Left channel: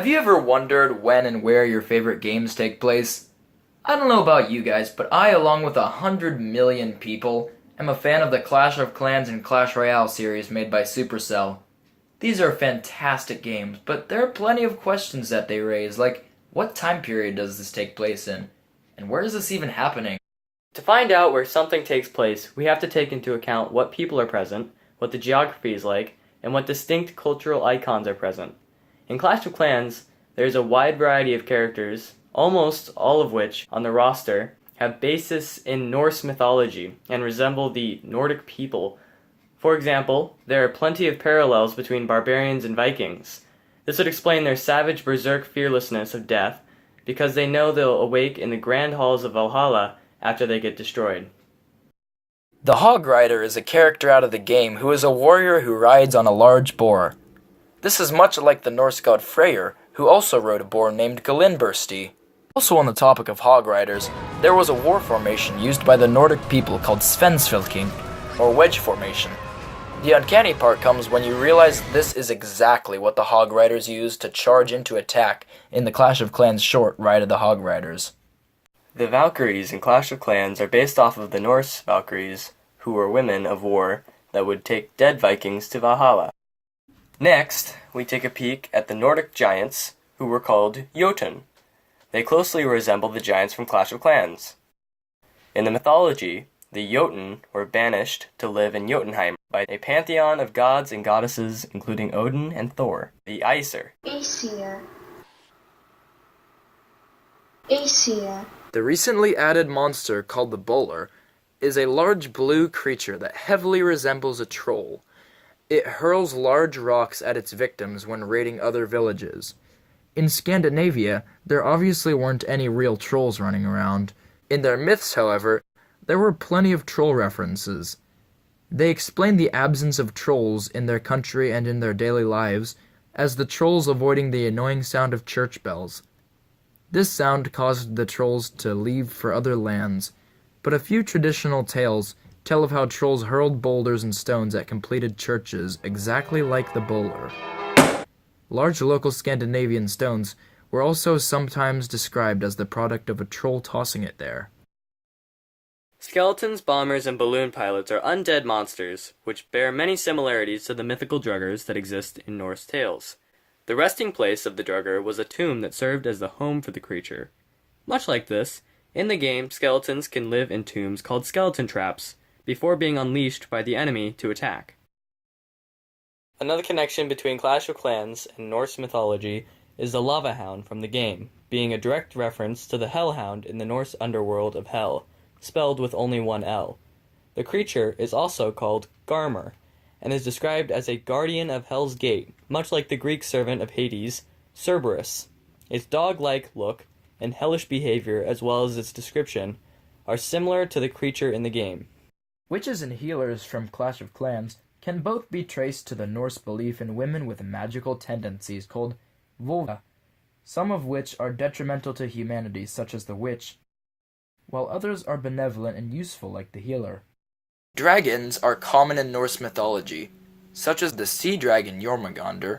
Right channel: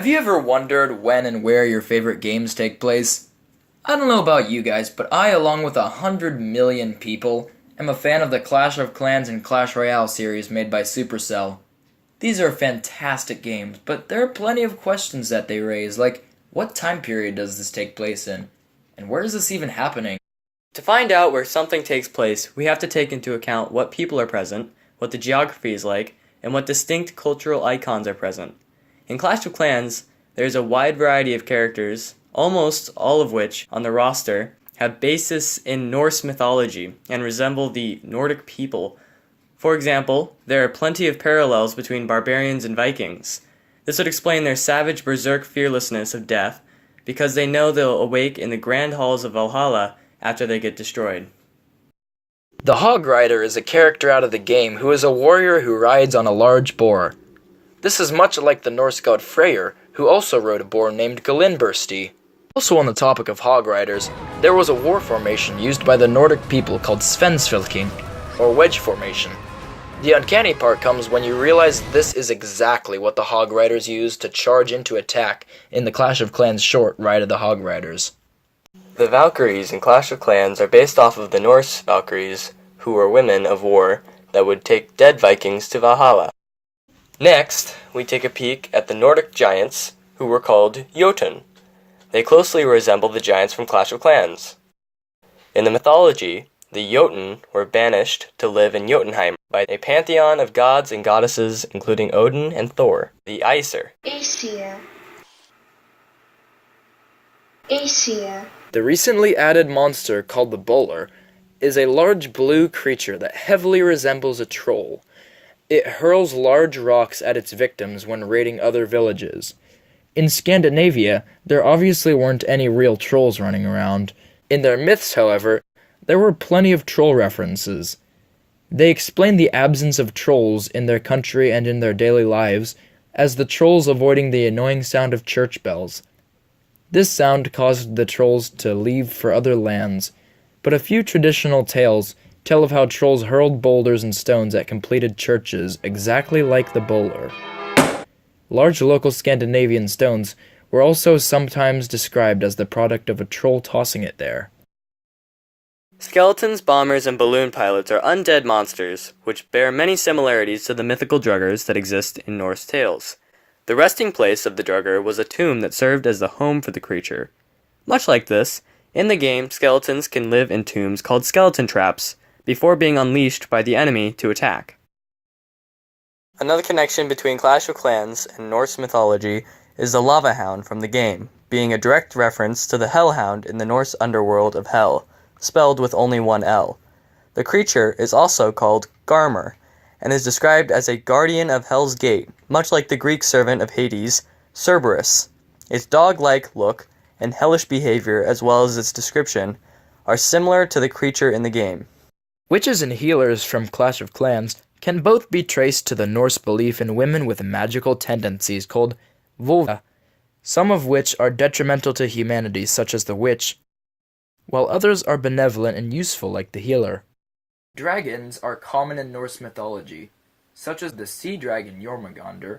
Have you ever wondered when and where your favorite games take place? I don't know about you guys, but I, along with 100 million people, am a fan of the Clash of Clans and Clash Royale series made by Supercell. These are fantastic games, but there are plenty of questions that they raise, like what time period does this take place in? And where is this even happening? To find out where something takes place, we have to take into account what people are present, what the geography is like, and what distinct cultural icons are present. In Clash of Clans, there is a wide variety of characters, almost all of which, on the roster, have basis in Norse mythology and resemble the Nordic people. For example, there are plenty of parallels between barbarians and Vikings. This would explain their savage berserk fearlessness of death, because they know they'll awake in the grand halls of Valhalla after they get destroyed. The Hog Rider is a character out of the game who is a warrior who rides on a large boar. This is much like the Norse god Freyr, who also rode a boar named Galinbursti. Also on the topic of Hog Riders, there was a war formation used by the Nordic people called Svensfylking, or wedge formation. The uncanny part comes when you realize this is exactly what the Hog Riders used to charge into attack in the Clash of Clans short Ride of the Hog Riders. The Valkyries in Clash of Clans are based off of the Norse Valkyries, who were women of war that would take dead Vikings to Valhalla. Next, we take a peek at the Nordic giants, who were called Jotun. They closely resemble the giants from Clash of Clans. In the mythology, the Jotun were banished to live in Jotunheim by a pantheon of gods and goddesses, including Odin and Thor, the Aesir. Aesir. The recently added monster called the Bowler is a large blue creature that heavily resembles a troll. It hurls large rocks at its victims when raiding other villages. In Scandinavia, there obviously weren't any real trolls running around. In their myths, however, there were plenty of troll references. They explain the absence of trolls in their country and in their daily lives as the trolls avoiding the annoying sound of church bells. This sound caused the trolls to leave for other lands, but a few traditional tales tell of how trolls hurled boulders and stones at completed churches exactly like the bowler. Large local Scandinavian stones were also sometimes described as the product of a troll tossing it there. Skeletons, bombers, and balloon pilots are undead monsters, which bear many similarities to the mythical druggers that exist in Norse tales. The resting place of the drugger was a tomb that served as the home for the creature. Much like this, in the game, skeletons can live in tombs called skeleton traps, before being unleashed by the enemy to attack. Another connection between Clash of Clans and Norse mythology is the lava hound from the game, being a direct reference to the hellhound in the Norse underworld of Hell, spelled with only one L. The creature is also called Garmr, and is described as a guardian of Hell's Gate, much like the Greek servant of Hades, Cerberus. Its dog-like look and hellish behavior, as well as its description, are similar to the creature in the game. Witches and healers from Clash of Clans can both be traced to the Norse belief in women with magical tendencies called volva, some of which are detrimental to humanity, such as the witch, while others are benevolent and useful, like the healer. Dragons are common in Norse mythology, such as the sea dragon Jormungandr,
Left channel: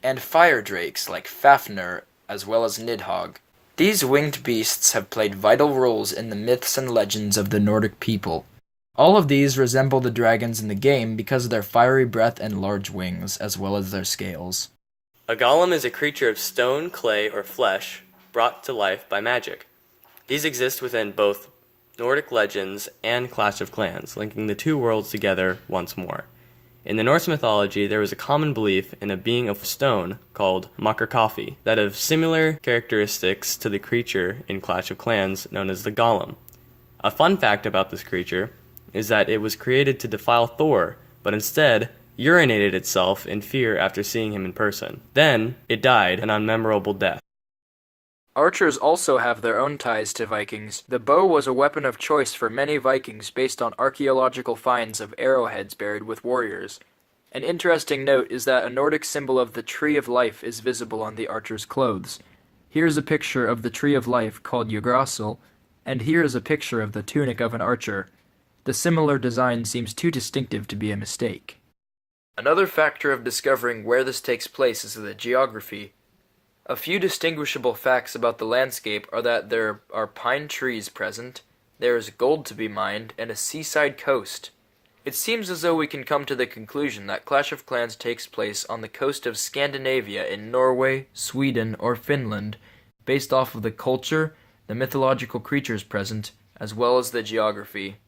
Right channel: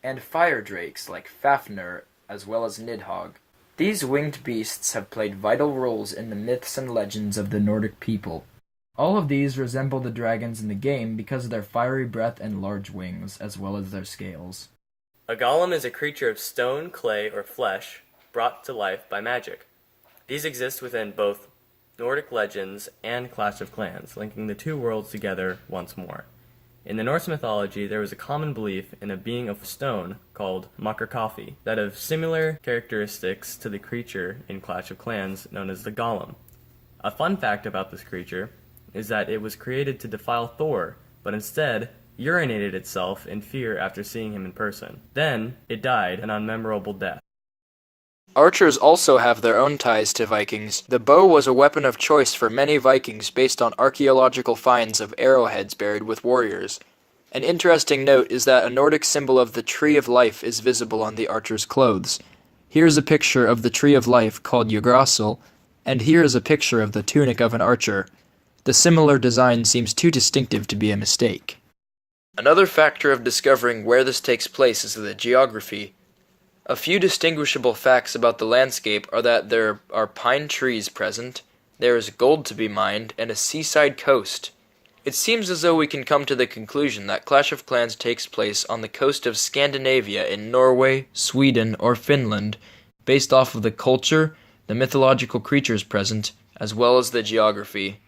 and fire drakes like Fafnir, as well as Nidhogg. These winged beasts have played vital roles in the myths and legends of the Nordic people. All of these resemble the dragons in the game because of their fiery breath and large wings, as well as their scales. A golem is a creature of stone, clay, or flesh, brought to life by magic. These exist within both Nordic legends and Clash of Clans, linking the two worlds together once more. In the Norse mythology, there was a common belief in a being of stone called Makarkafi that have similar characteristics to the creature in Clash of Clans known as the golem. A fun fact about this creature is that it was created to defile Thor, but instead urinated itself in fear after seeing him in person. Then, it died an unmemorable death. Archers also have their own ties to Vikings. The bow was a weapon of choice for many Vikings based on archaeological finds of arrowheads buried with warriors. An interesting note is that a Nordic symbol of the Tree of Life is visible on the archer's clothes. Here's a picture of the Tree of Life called Yggdrasil, and here is a picture of the tunic of an archer. The similar design seems too distinctive to be a mistake. Another factor of discovering where this takes place is the geography. A few distinguishable facts about the landscape are that there are pine trees present, there is gold to be mined, and a seaside coast. It seems as though we can come to the conclusion that Clash of Clans takes place on the coast of Scandinavia in Norway, Sweden, or Finland, based off of the culture, the mythological creatures present, as well as the geography.